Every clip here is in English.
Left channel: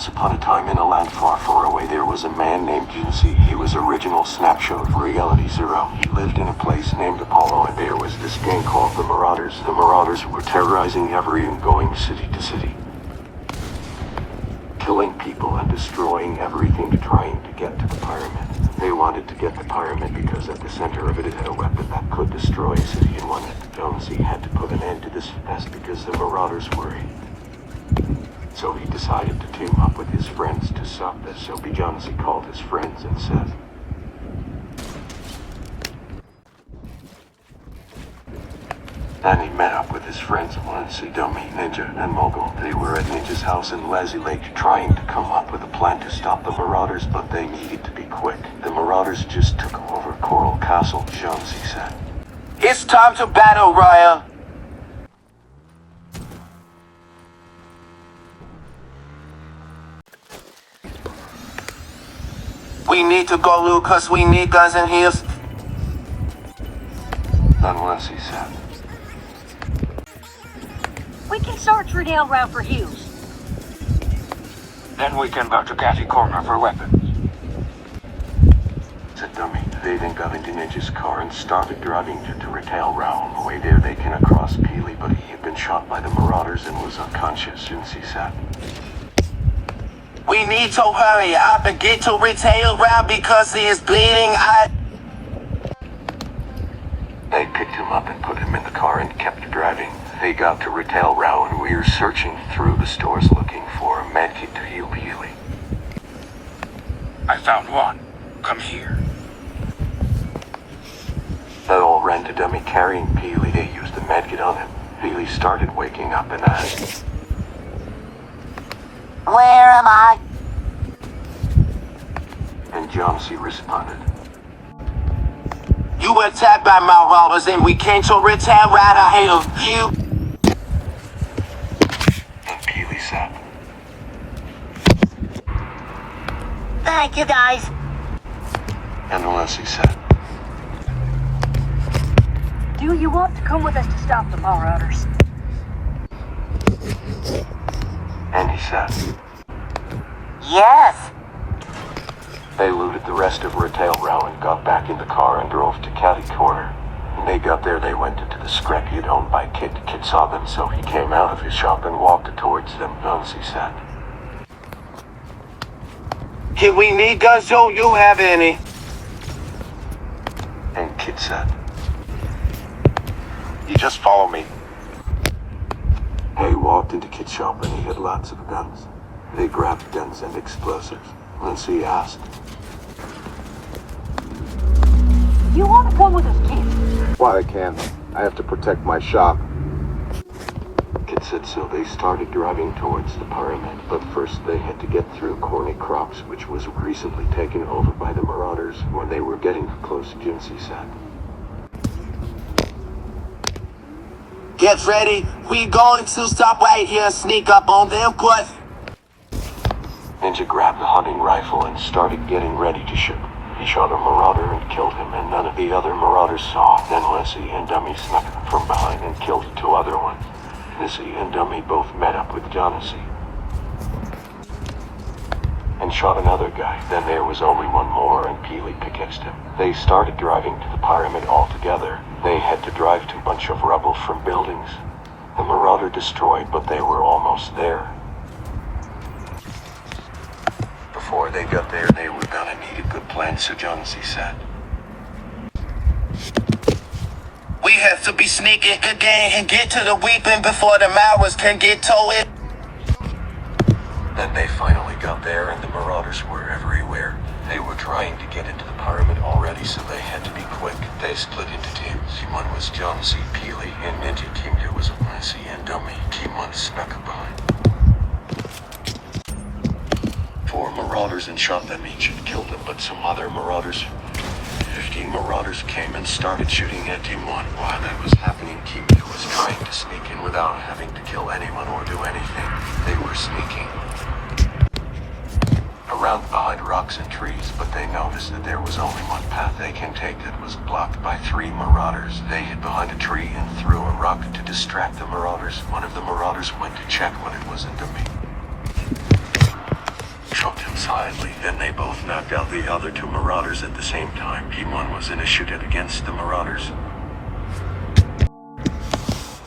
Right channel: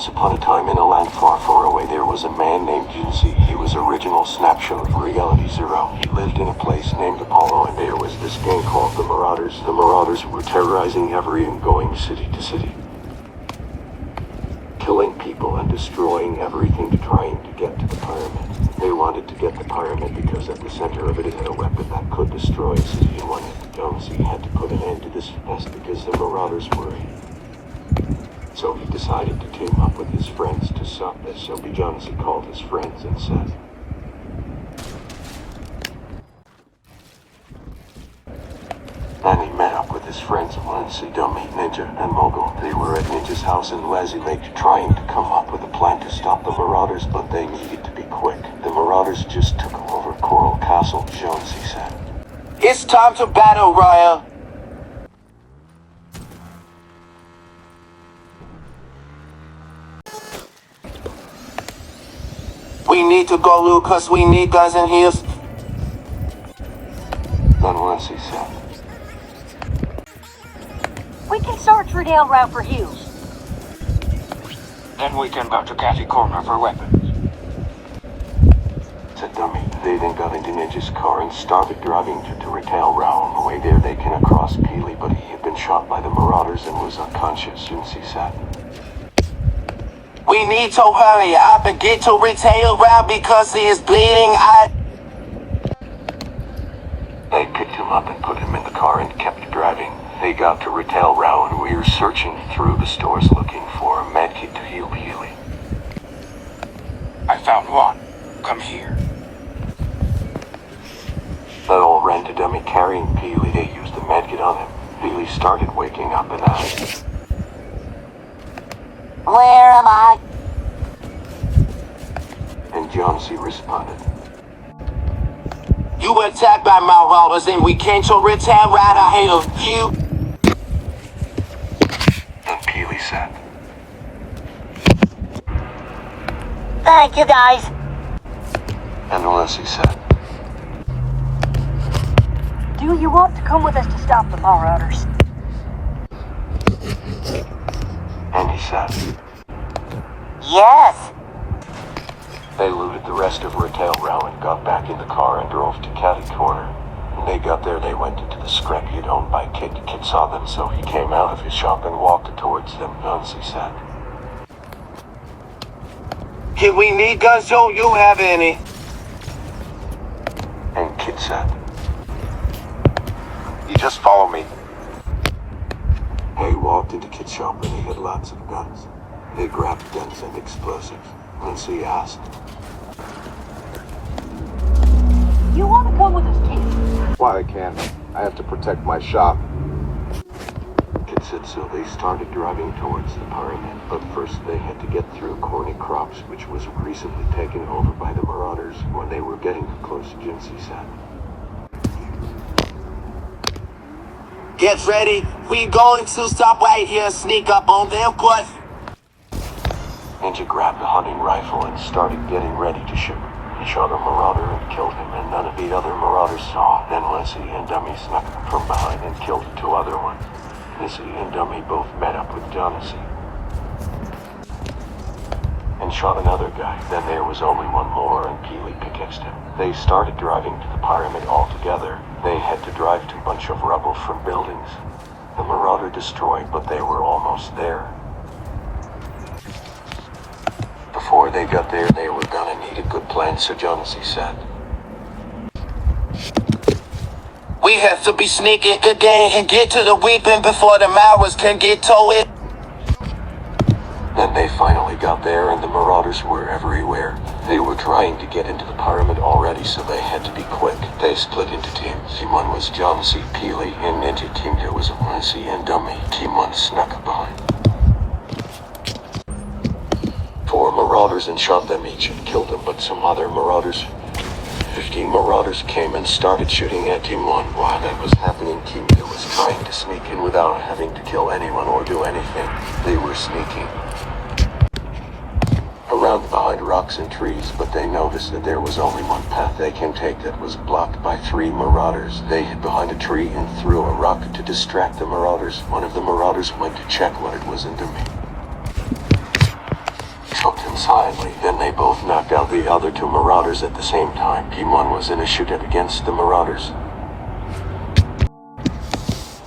Once upon a time in a land far, far away, there was a man named Juicy. He was original snapshot of Reality Zero. He lived in a place named Apollo, and there was this gang called the Marauders. The Marauders were terrorizing every and going city to city, killing people and destroying everything, trying to get to the pyramid. They wanted to get the pyramid because at the center of it had a weapon that could destroy a city, and one that Jonesy had to put an end to this mess because the Marauders were evil. So he decided to team up with his friends to stop this. So Jonesy called his friends and said, and he met up with his friends Lindsay, Dummy, Ninja, and Mogul. They were at Ninja's house in Lazy Lake trying to come up with a plan to stop the Marauders, but they needed to be quick. The Marauders just took over Coral Castle, Jonesy said. It's time to battle, Raya. We need to go, Lucas. We need guns and heals. Then Lindsay said, We can search Riddell Route for heals. Then we can go to Catty Corner for weapons. Said Dummy. They then got into Ninja's car and started driving to Retail Row. On the way there, they came across Peely, but he had been shot by the Marauders and was unconscious. Jonesy said, We need to hurry up and get to Retail Route because he is bleeding out. They picked him up and put him in the car and kept driving. They got to Retail Row and we were searching through the stores looking for a medkit to heal Peely. I found one. Come here. They all ran to Dummy carrying Peely. They used the medkit on him. Peely started waking up and asked, Where am I? and Jonesy responded, You were attacked by Marauders and we came to Retail Route ahead of you. and Peely said, Thank you, guys. and Lindsay said, Do you want to come with us to stop the Marauders? and he said, Yes. They looted the rest of Retail Row and got back in the car and drove to Catty Corner. When they got there, they went into the scrapyard owned by Kid. The kid saw them, so he came out of his shop and walked towards them. Jonesy said, Kid, we need guns. Don't you have any? and Kid said, You just follow me. He walked into Kid's shop and he had lots of guns. They grabbed guns and explosives. Lindsay asked, You want to come with us, Keith? Why I can't. I have to protect my shop. Kid said, so they started driving towards the pyramid. But first they had to get through Corny Crops, which was recently taken over by the Marauders. When they were getting close, Jonesy said, Get ready. We going to stop right here and sneak up on them, but Ninja grabbed a hunting rifle and started getting ready to shoot. He shot a Marauder and killed him, and none of the other Marauders saw. Then Lindsay and Dummy snuck from behind and killed the two other ones. Lindsay and Dummy both met up with Jonesy and shot another guy. Then there was only one more, and Peely pickaxed him. They started driving to the pyramid all together. They had to drive to a bunch of rubble from buildings. The Marauder destroyed, but they were almost there. Before they got there, they were gonna need a good plan, so Jonesy said, we have to be sneaking again and get to the weapon before the Marauders can get to it. Then they finally got there, and the Marauders were everywhere. They were trying to get into the pyramid already, so they had to be quick. They split into teams. Team 1 was Jonesy, Peely, and Ninja. Team 2 was Lindsay and Dummy. Team 1 snuck behind 4 Marauders and shot them each and killed them, but some other Marauders, 15 Marauders, came and started shooting at Team 1. While that was happening, Team 2 was trying to sneak in without having to kill anyone or do anything. They were sneaking around behind rocks and trees, but they noticed that there was only one path they can take that was blocked by 3 Marauders. They hid behind a tree and threw a rock to distract the Marauders. One of the Marauders went to check what it was into me. choked him silently. Then they both knocked out the other two marauders at the same time. P1 was in a shootout against the marauders.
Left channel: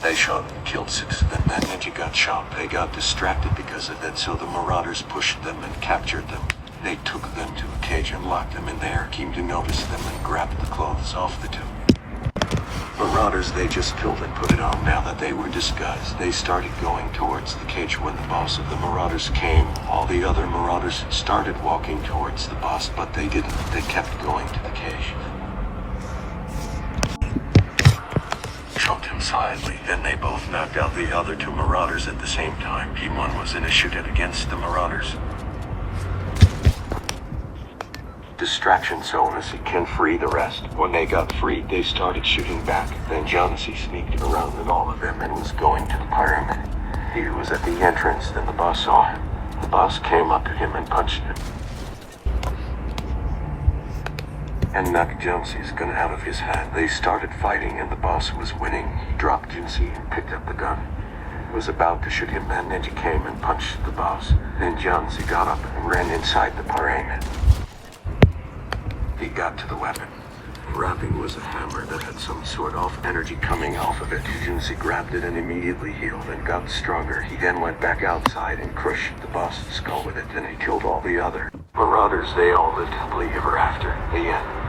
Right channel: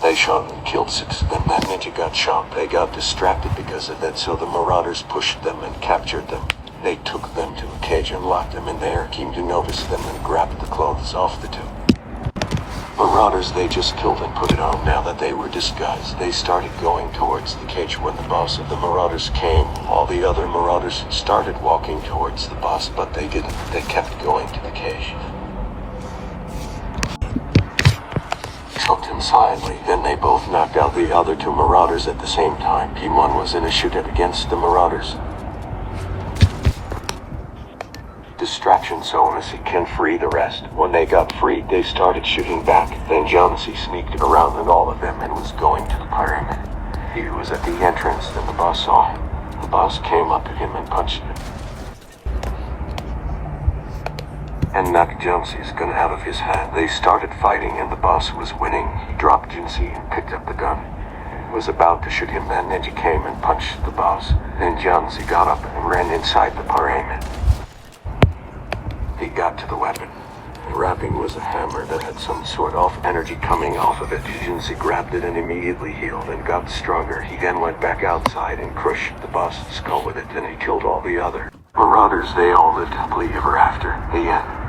They shot and killed 6 of them. That ninja got shot. They got distracted because of that, so the marauders pushed them and captured them. They took them to a cage and locked them in there. Came to notice them and grabbed the clothes off the two marauders they just killed and put it on. Now that they were disguised, they started going towards the cage. When the boss of the marauders came, all the other marauders started walking towards the boss, but they didn't. They kept going to the cage. Choked him silently. Then they both knocked out the other two marauders at the same time. P1 was in a shootout against the marauders. Distraction so as he can free the rest. When they got freed, they started shooting back. Then Jonesy sneaked around with all of them and was going to the pyramid. He was at the entrance, then the boss saw him. The boss came up to him and punched him, and knocked Jonesy's gun out of his hand. They started fighting and the boss was winning. He dropped Jonesy and picked up the gun. Was about to shoot him, then Ninja came and punched the boss. Then Jonesy got up and ran inside the pyramid. He got to the weapon. The wrapping was a hammer that had some sort of energy coming off of it. Jonesy grabbed it and immediately healed and got stronger. He then went back outside and crushed the boss's skull with it. Then he killed all the other marauders. They all lived happily ever after. The end.